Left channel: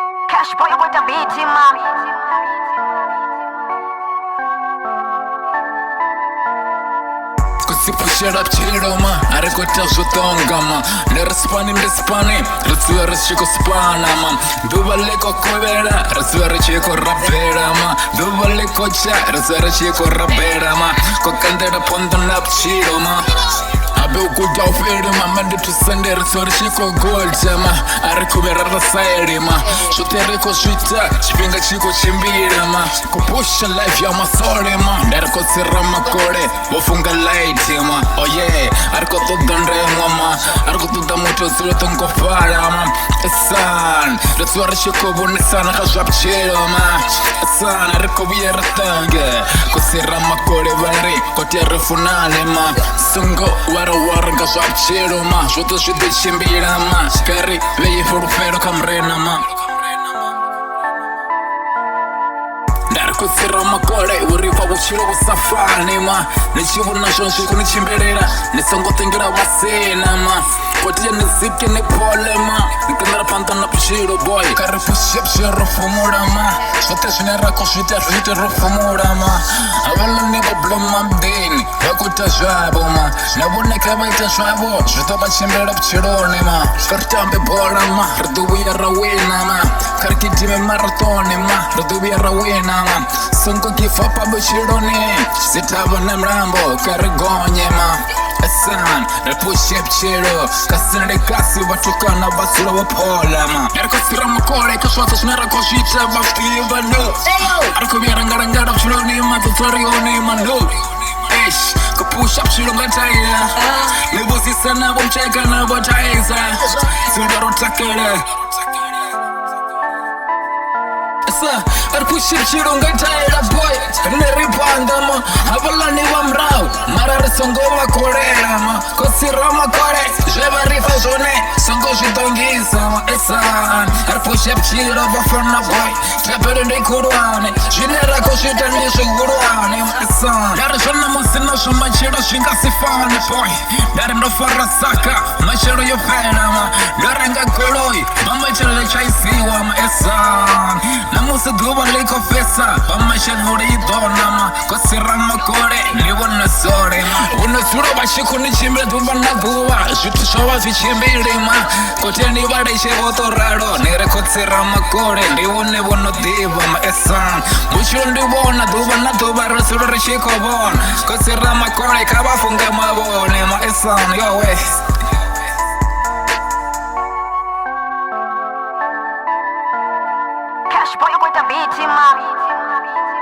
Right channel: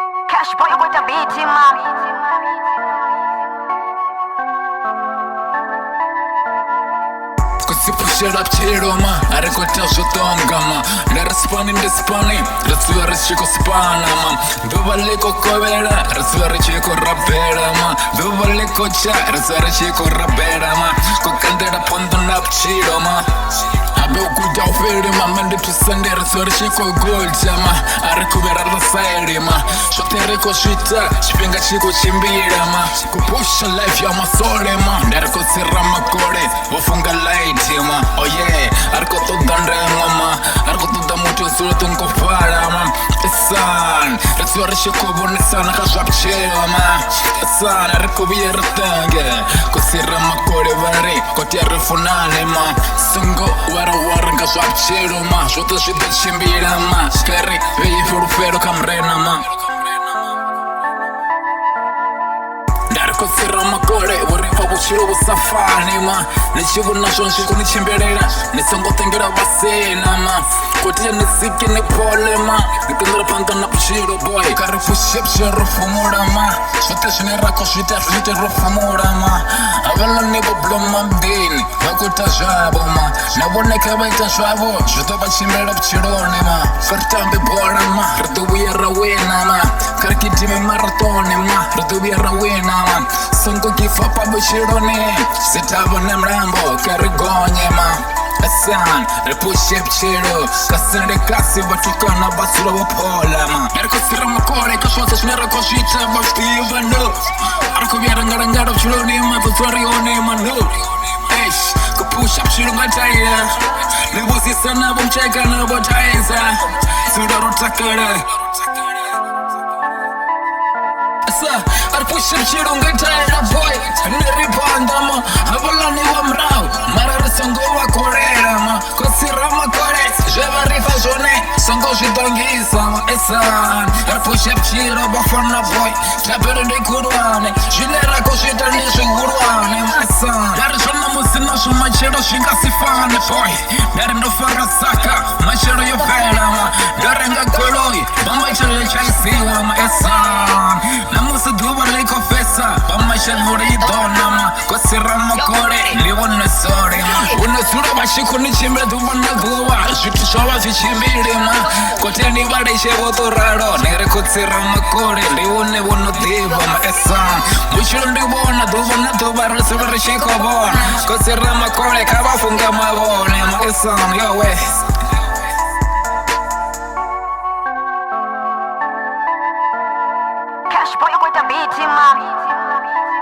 Cash boy with the beat, man. Così pusher up tshila ma ari kuita zvotonga ma ndiri spani riziva richiko spana ma duva likokovera riziva richiko rabhera ma duva likocha riziva richiko rabhera ma kokandira pondo na tshila ma abe ukuta uferi ma mande tusende riziva richiko golda ma ari kuvera rasairi ma zvote rikozvita chipinga chikuchimbira ma kupusha life ya masole ma ndari kotsira makore vofunga light ma oh yeah ari kotoda ndemwa ma ari kotoda muto zulo tongofala ma esan riziva richikovonesana kazvapchela ma esan ari koviyera tange kusira makore vari kote rifunane ma songo warawara ngazvapchela ma zvoto zvidochimbira ma kari veyifurufero kamrena ma kutsira makore uriva vuchilo vusafane ma nechivona zvonzvi kunichemberera nisongotengera vasena ma kotiya nizike nepole ma nikendera panda na puchilo boy kari pushepshe rofumula ma zvote zvine rako zvita zvite rofumula ma avana nevobloma mdeni vakuita zvavo ma navoneka vaita zvavo zvitovachembera puchilone ma karitambe bhora ma ridovuya rawena ma karikidime maratone ma ridovuya rawena ma songo give up abuchilone sitava nemrambo karigonye ma esan repushe pchilo kasinde kasi vatukana vasula vapola ma narikosira makore kasvata zvinarakosvita vaftiva no arikuverangarangara pchilone ma vatorione ma no esh kupusha pchilo ngataina nevosisa navo mcheka navo taisa zuda rotakara ari pushir chirunga taira boy neripanda ma avalani vamrau mara risongova korera ma kosira makore zvevarifa zvone songo zvidongisa ma esan ari pushir chiro vafana boy tapere ndikurwane zvine rako zvita ndezvihurwane ma esan ndari zvona musina zvomachero zvingasifane boy ndari ndofara saka machero yopera ma ndorenga goloi mamachero chaisiwa ma esan namusi dhuva likofesa vamashenguri idona ma kosira makore ndivone sore ma unosura vachikunichimbira dhuva na dhuva zviti zvova zvichimbire ma koteni vadechevotoraro nerekotsira makore ndivone vonodhiva ma esan muchiro ndivona dhuva na dhuva risura richikovona kosira makore kavafunga mavone ma esan yowe Cash boy with the beat, man.